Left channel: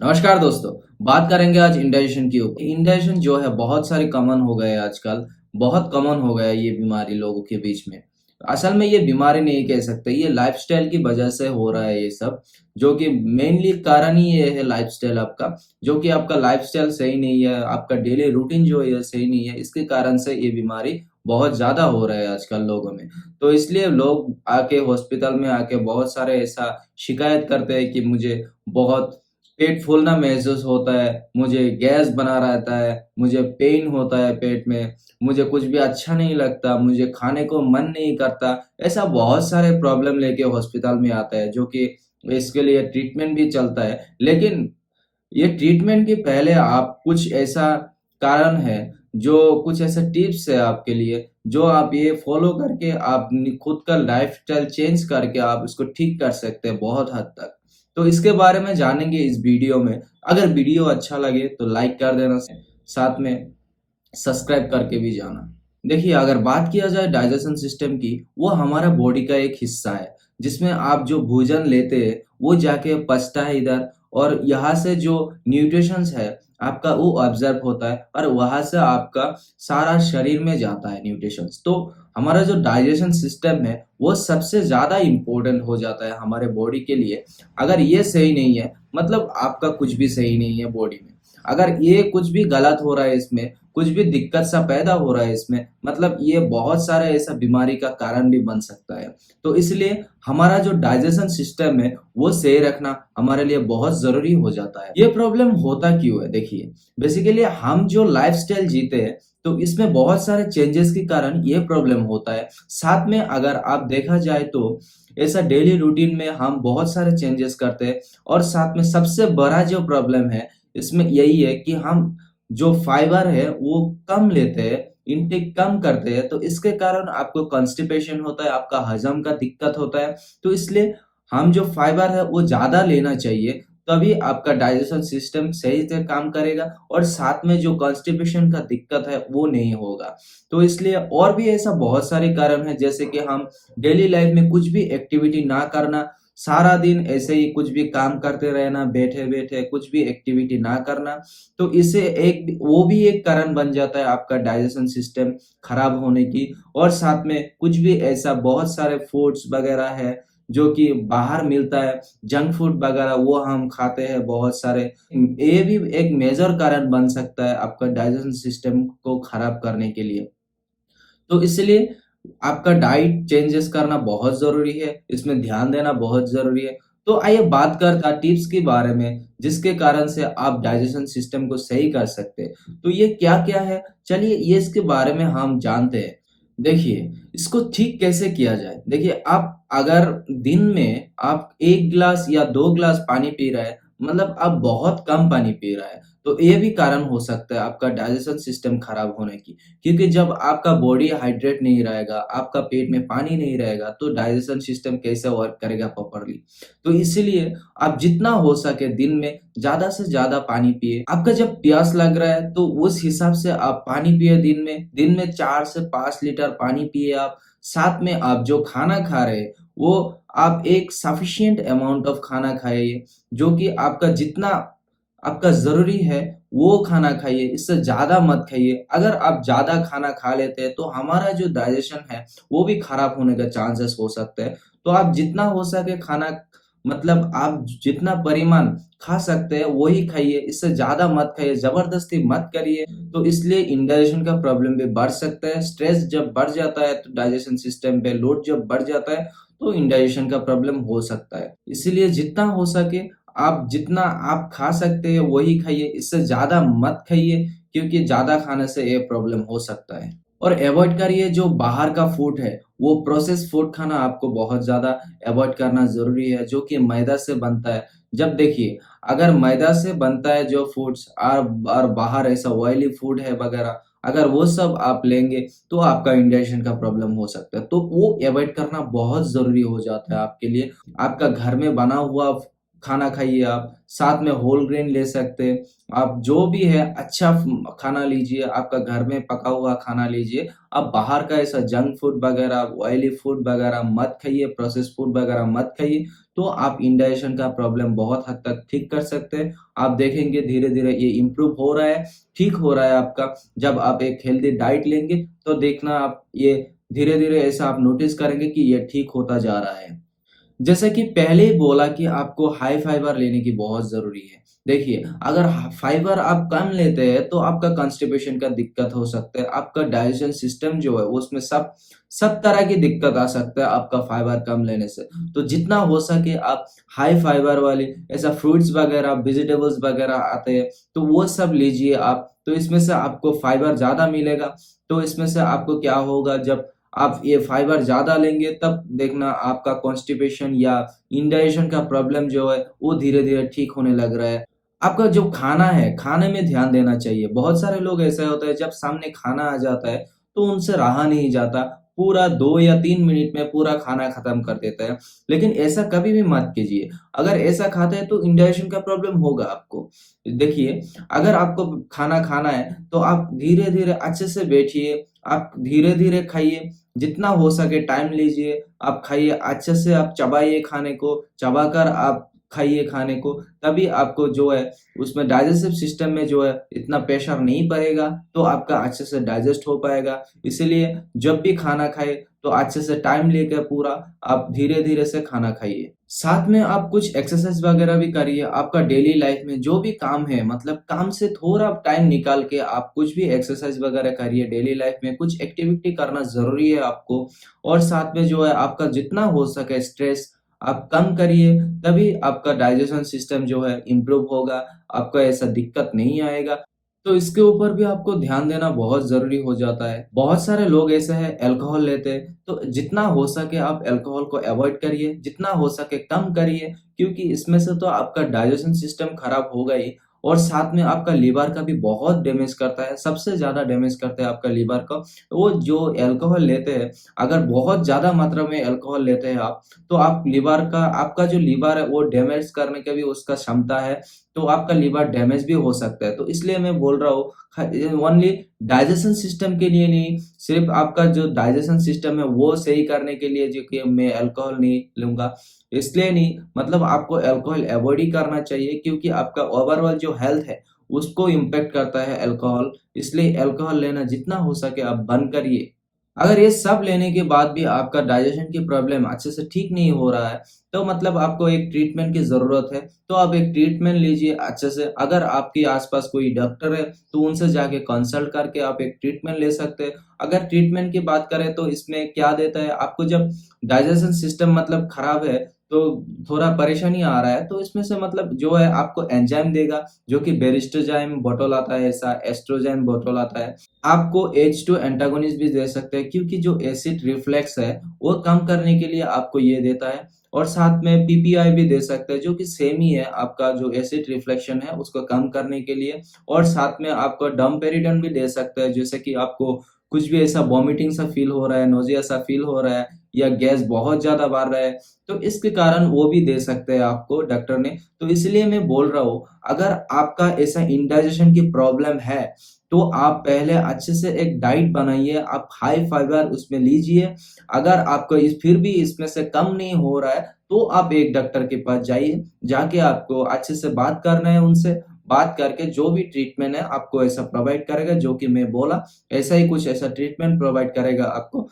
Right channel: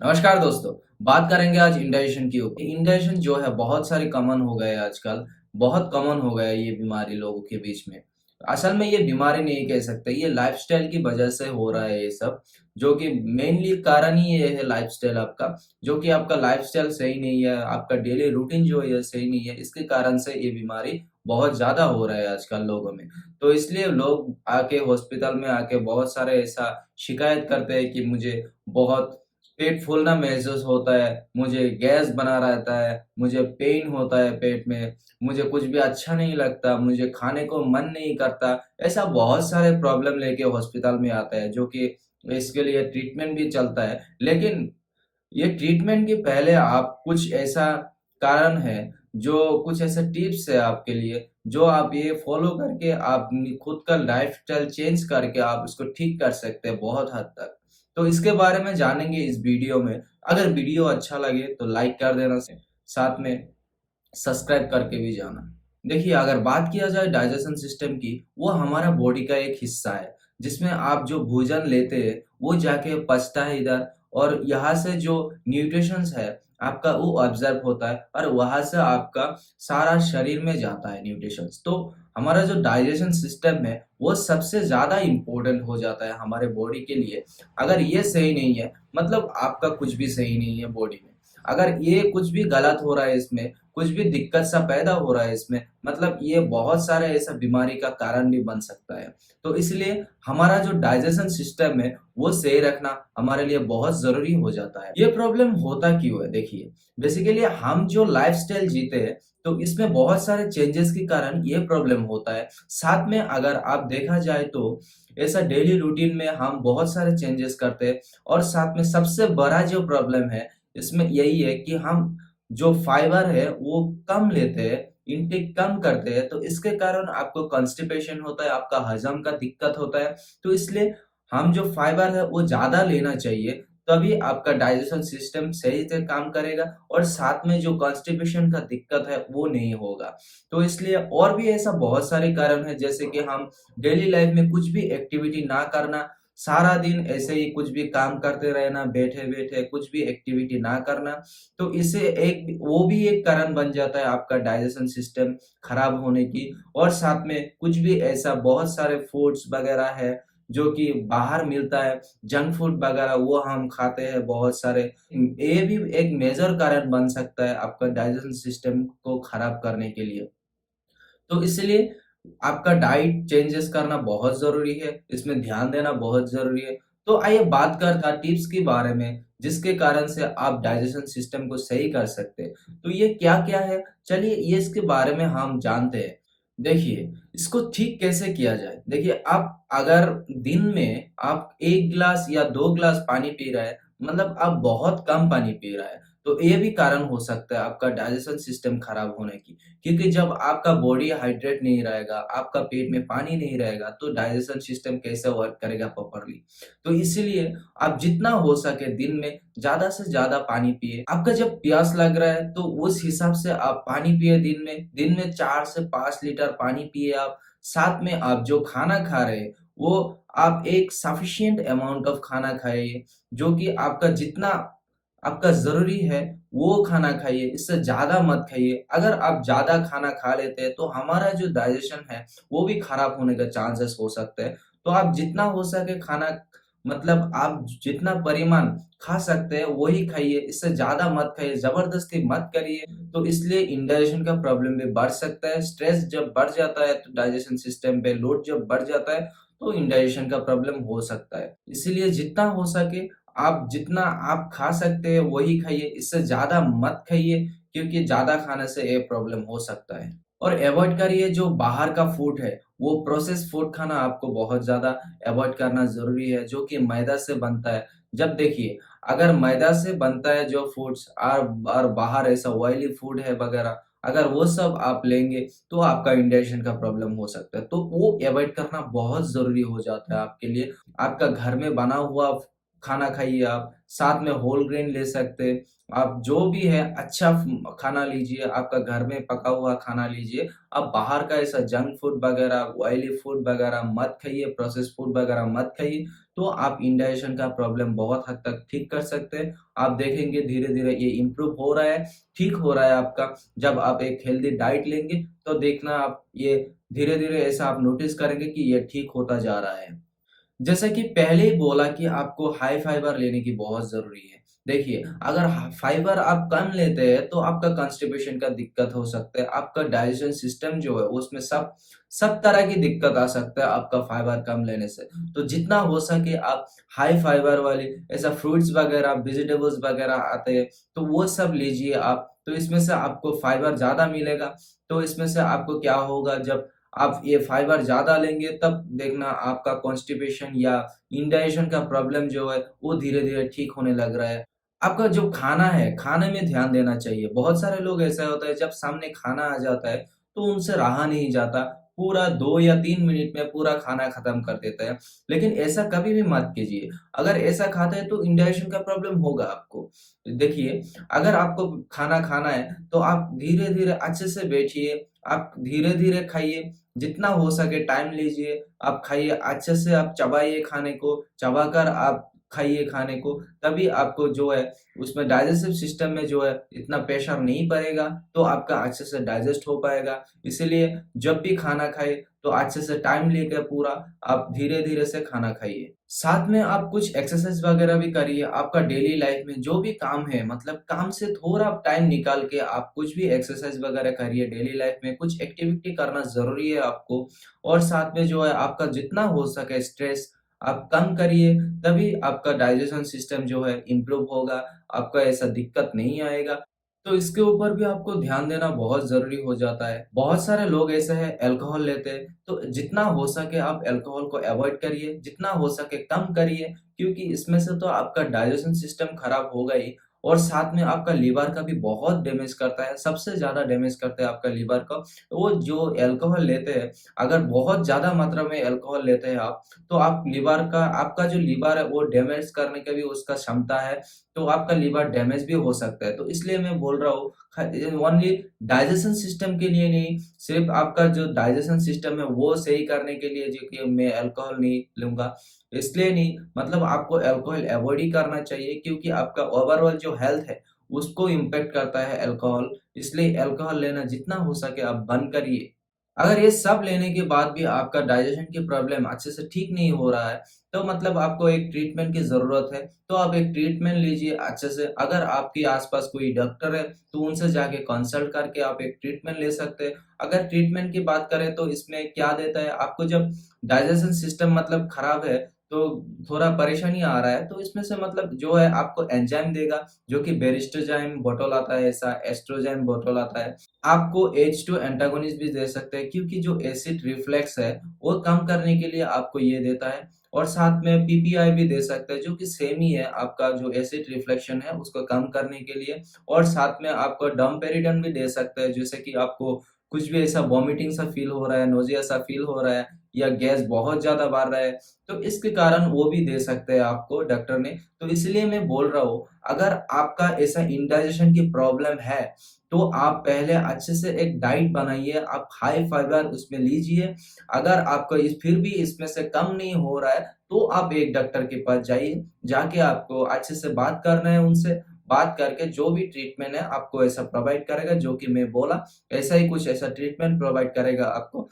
नमस्कार दोस्तों। बात करेंगे आज इंडाइजेशन की ऊपर। इंडाइजेशन जो है बहुत सारे कॉमन हो गए हैं आजकल। बहुत कॉमन हो गया है ये बीमारी लोगों के बीच में। असल में ये बीमारी नहीं कह सकते, ये लाइफ़स्टाइल की वजह से हो रहा है ये सब। जो कि मेनली कारण ही ये है लाइफ़स्टाइल आपका, जो कि आपका लाइफ़स्टाइल सही नहीं है, आपका डेली रूटीन जो है ये सही नहीं है, इसके कारण से ये बीमारी बहुत ज़्यादा हो रहा है आजकल लोगों में। तो इसलिए लोग आके हॉस्पिटल में आके बहुत सारे ऐसा शिकायत करते हैं कि मुझे बहुत पेट फूलना महसूस होता है, मुझे गैस बना रहता है, मुझे पेन होता है पेट में, मुझे कुछ भी अच्छा नहीं लगता, मुझे खाने को मन नहीं करता। ऐसा बहुत सारे प्रॉब्लम लेके हॉस्पिटल में आता है, जो कि इसके लिए ट्रीटमेंट भी चलता है। लेकिन ये ट्रीटमेंट के पहले आप कुछ ऐसा कारण है, जो कुछ ऐसा टिप्स है आपके लिए, जो आप ये फ़ॉलो करके आप नि खुद का लाइफ़स्टाइल चेंज करके आप इसको ठीक कर सकते हैं बहुत हद तक। तो इसके बारे में जानेंगे इस वीडियो में। अगर वीडियो अच्छा लगे तो लाइक कर देना, साथ में सब्सक्राइब करके भी जाना। देखिए, अगर बात किया जाए डाइजेशन सिस्टम की, वो हमारा बॉडी का एक हिस्सा है, जिसमें आप जो भोजन लेते हैं, वो जाके पचता है इधर और यहाँ से जो न्यूट्रिशंस है, आपका वो ऑब्ज़र्व होता है और वहाँ से आपका सारा शरीर में जाता है न्यूट्रिशंस। तो हमारा जो डाइजेशन सिस्टम है, वो सबसे ज़्यादा इम्पोर्टेंट हो जाता है हमारे बॉडी के लिए। अगर ये सही नहीं है, मतलब आपका कुछ भी सही नहीं है बॉडी में। अगर ये कुछ भी गलत हो रहा है इसमें, कुछ भी दिक्कत सा पैदा हो रहा है इसमें, मतलब ये बहुत सारे ऐसा बीमारी का कारण भी बन सकता है। तो इसलिए हमारा जो डाइजेशन सिस्टम है, वो सही रखना हमारे लिए बहुत ज़रूरी हो जाता है। ये प्रॉब्लम होता क्यों है? देखिए, बेसिकली हम जो लाइफ़स्टाइल जीते हैं, तो इसमें बहुत सारे चेंजेस के कारण ये प्रॉब्लम होता है। साथ में अगर आप देखा जाए तो ऐसा डेली रूटीन में हम बहुत सारे चेंजेस करते हैं और साथ में सबसे बड़ा जो प्रॉब्लम है, इसमें यही है कि हम जो फाइबर है वो कम लेते हैं, इनटेक कम करते हैं, तो इसके कारण आपको कॉन्स्टिपेशन होता है, आपका हज़म का दिक्कत होता है। तो इसलिए हम जो फाइबर है वो ज़्यादा लेना चाहिए, तभी आपका डाइजेशन सिस्टम सही से काम करेगा और साथ में जो कॉन्स्टिपेशन का दिक्कत है वो नहीं होगा। तो इसलिए और भी ऐसा बहुत सारे कारण हैं, जैसे कि हम डेली लाइफ में कुछ भी एक्टिविटी ना करना, सारा दिन ऐसे ही कुछ भी काम करते रहना, बैठे-बैठे कुछ भी एक्टिविटी ना करना, तो इससे एक वो भी एक कारण बन जाता है आपका डाइजेशन सिस्टम खराब होने की। और साथ में कुछ भी ऐसा बहुत सारे फूड्स वगैरह है, जो कि बाहर मिलता है, जंक फूड वगैरह वो हम खाते हैं बहुत सारे। ये भी एक मेजर कारण बन सकता है आपका डाइजेशन सिस्टम को खराब करने के लिए। तो इसलिए आपका डाइट चेंजेस करना बहुत ज़रूरी है, इसमें ध्यान देना बहुत ज़रूरी है। तो आइए बात करते हैं टिप्स के बारे में, जिसके कारण से आप डाइजेशन सिस्टम को सही कर सकते हैं। तो ये क्या-क्या है? चलिए ये इसके बारे में हम जानते हैं। देखिए, इसको ठीक कैसे किया जाए? देखिए, आप अगर दिन में आप 1 ग्लास या 2 ग्लास पानी पी रहे हैं, मतलब आप बहुत कम पानी पी रहा है, तो ये भी कारण हो सकता है आपका डाइजेशन सिस्टम खराब होने की। क्योंकि जब आपका बॉडी हाइड्रेट नहीं रहेगा, आपका पेट में पानी नहीं रहेगा, तो डाइजेशन सिस्टम कैसे वर्क करेगा प्रॉपर्ली? तो इसीलिए आप जितना हो सके दिन में ज़्यादा से ज़्यादा पानी पिए। आपका जब प्यास लग रहा है, तो उस हिसाब से आप पानी पिए दिन में 4 से 5 लीटर पानी पिए आप। साथ में आप जो खाना खा रहे हैं, वो आप एक सफिशिएंट अमाउंट ऑफ खाना खाइए, जो कि आपका जितना आपका ज़रूरी है, वो खाना खाइए, इससे ज़्यादा मत खाइए। अगर आप ज़्यादा खाना खा लेते हैं, तो हमारा जो डाइजेशन है, वो भी खराब होने का चांसेस हो सकते हैं। तो आप जितना हो सके खाना, मतलब आप जितना परिमाण खा सकते हैं, वही खाइए, इससे ज़्यादा मत खाइए, ज़बरदस्ती मत करिए। तो इसलिए इंडाइजेशन का प्रॉब्लम भी बढ़ सकता है। स्ट्रेस जब बढ़ जाता है, तो डाइजेशन सिस्टम पे लोड जब बढ़ जाता है, तो इंडाइजेशन का प्रॉब्लम हो सकता है। इसीलिए जितना हो सके आप जितना आप खा सकते हैं वही खाइए, इससे ज़्यादा मत खाइए, क्योंकि ज़्यादा खाने से ये प्रॉब्लम हो सकता है। और अवॉइड करिए जो बाहर का फूड है, वो प्रोसेस्ड फूड खाना आपको बहुत ज़्यादा अवॉइड करना ज़रूरी है, जो कि मैदा से बनता है। जब देखिए, अगर मैदा से बनता है जो फूड्स और बाहर ऐसा ऑयली फूड है वगैरह, अगर वो सब आप लेंगे, तो आपका इंडाइजेशन का प्रॉब्लम हो सकता है। तो वो अवॉइड करना बहुत ज़रूरी हो जाता है आपके लिए। आपका घर में बना हुआ खाना खाइए आप, साथ में होल ग्रेन ले सकते हैं। आप जो भी है अच्छा खाना लीजिए, आपका घर में पका हुआ खाना लीजिए। आप बाहर का ऐसा जंक फूड वगैरह, ऑयली फूड वगैरह मत खाइए, प्रोसेस्ड फूड वगैरह मत खाइए, तो आप इंडाइजेशन का प्रॉब्लम बहुत हद तक ठीक कर सकते हैं। आप देखेंगे धीरे-धीरे ये इम्प्रूव हो रहा है, ठीक हो रहा है आपका। जब आप एक हेल्दी डाइट लेंगे, तो देखना आप ये धीरे-धीरे ऐसा आप नोटिस करेंगे कि ये ठीक होता जा रहा है। जैसा कि पहले ही बोला कि आपको हाई फाइबर लेने की बहुत ज़रूरी है। देखिए, अगर फाइबर आप कम लेते हैं तो आपका कॉन्स्टिपेशन का दिक्कत हो सकता है, आपका डाइजेशन सिस्टम जो है उसमें सब सब तरह की दिक्कत आ सकता है आपका फाइबर कम लेने से। तो जितना हो सके आप हाई फाइबर वाली ऐसा फ्रूट्स वगैरह, वेजिटेबल्स वगैरह आते हैं, तो वो सब लीजिए आप, तो इसमें से आपको फाइबर ज़्यादा मिलेगा। तो इसमें से आपको क्या होगा, जब आप ये फाइबर ज़्यादा लेंगे तब देखना आपका कॉन्स्टिपेशन या इंडाइजेशन का प्रॉब्लम जो है वो धीरे-धीरे ठीक होने लग रहा है। आपका जो खाना है, खाने में ध्यान देना चाहिए। बहुत सारे लोग ऐसा होता है जब सामने खाना आ जाता है तो उनसे रहा नहीं जाता। पूरा 2 या 3 मिनट में पूरा खाना खत्म कर देता है। लेकिन ऐसा कभी भी मत कीजिए। अगर ऐसा खाते हैं तो इंडाइजेशन का प्रॉब्लम होगा आपको। देखिए, अगर आपको खाना खाना है तो आप धीरे-धीरे अच्छे से बैठिए, आप धीरे-धीरे खाइए। जितना हो सके टाइम लीजिए, आप खाइए, अच्छे से आप चबाइए खाने को, चबाकर आप खाइए खाने को, तभी आपको जो है उसमें डाइजेस्टिव सिस्टम में जो है इतना प्रेशर नहीं पड़ेगा, तो आपका अच्छे से डाइजेस्ट हो पाएगा। इसीलिए जब भी खाना खाएँ, तो अच्छे से टाइम लेकर पूरा आप धीरे-धीरे से खाना खाइए। साथ में आप कुछ एक्सरसाइज़ वगैरह भी करिए, आपका डेली लाइफ में जो भी काम है मतलब काम से थोड़ा टाइम निकाल के आप कुछ भी एक्सरसाइज़ वगैरह करिए, डेली लाइफ में कुछ एक्टिविटी करना ज़रूरी है आपको। और साथ में जो है आपका जितना हो सके स्ट्रेस आप कम करिए, तभी आपका डाइजेशन सिस्टम जो है इम्प्रूव होगा, आपको ऐसा दिक्कत नहीं आएगा। तो इसके ऊपर भी आपको ध्यान देना बहुत ज़रूरी हो जाता है। बहुत सारे लोग ऐसे हैं अल्कोहल लेते हैं, तो जितना हो सके आप अल्कोहल को अवॉइड करिए, जितना हो सके कम करिए, क्योंकि इसमें से तो आपका डाइजेशन सिस्टम खराब होगा ही और साथ में आपका लिवर का भी बहुत डैमेज करता है, सबसे ज़्यादा डैमेज करता है आपका लिवर को। वो जो अल्कोहल लेते हैं, अगर बहुत ज़्यादा मात्रा में अल्कोहल लेते हैं आप, तो आप लिवर का आपका जो लिवर है वो डैमेज करने का भी उसका क्षमता है, तो आपका लिवर डैमेज भी हो सकता है। तो इसलिए मैं बोल रहा हूँ ओनली डाइजेशन सिस्टम के लिए नहीं, सिर्फ़ आपका जो डाइजेशन सिस्टम है वो सही करने के लिए जो कि मैं अल्कोहल नहीं लूँगा, इसलिए नहीं मतलब आपको अल्कोहल अवॉइड ही करना चाहिए क्योंकि आपका ओवरऑल जो हेल्थ है, उसको इम्पैक्ट करता है अल्कोहल, इसलिए अल्कोहल लेना जितना हो सके आप बंद करिए। अगर ये सब लेने के बाद भी आपका डाइजेशन की प्रॉब्लम अच्छे से ठीक नहीं हो रहा है, तो मतलब आपको एक ट्रीटमेंट की ज़रूरत है। तो आप एक ट्रीटमेंट लीजिए अच्छे से। अगर आपके आस-पास कोई डॉक्टर है, तो उनसे जाके कंसल्ट करके आप एक ट्रीटमेंट ले सकते हैं। अगर ट्रीटमेंट की बात करें तो इसमें क्या देता है, आपको जब डाइजेशन सिस्टम मतलब खराब है, तो थोड़ा परेशानी आ रहा है, तो इसमें से मतलब जो है आपको एंजाइम देगा, जो कि बेरिस्टोजाइम बॉटल आता है ऐसा, एस्ट्रोजाइम बॉटल आता है। आपको H2 एंटागोनिस्ट भी दे सकते हैं क्योंकि जो एसिड रिफ्लेक्स है, वो कम करने के लिए आपको ये देता है और साथ में पीपीआई भी दे सकते हैं जो कि सेम ही है आपका जो एसिड रिफ्लेक्शन है उसको कम करने के लिए और साथ में आपको डमपेरिडन भी दे सकता है जैसे कि आपको कुछ भी ऐसा वॉमिटिंग सा फील हो रहा है, नोज़िया सा फील हो रहा है या गैस बहुत ज़्यादा बढ़ रहा है, तो इसके कारण वो भी दे सकते हैं आपको डॉक्टर ने। तो इसलिए मैं बोल रहा हूँ, अगर आपका ऐसा इंडाइजेशन की प्रॉब्लम है, तो आप पहले अच्छे से एक डाइट बनाइए, आप हाई फाइबर उसमें लीजिए। अगर आपको इस फिर भी इसमें से कम नहीं हो रहा है, तो आप एक डॉक्टर के पास जाइए, जाके आपको अच्छे से बात करना है उनसे, बात करके जो भी ट्रीटमेंट है आपको ऐसा प्रोवाइड करेगा जो कि मैं बोला, ऐसा ही कुछ ऐसा ट्रीटमेंट प्रोवाइड करेगा आपको।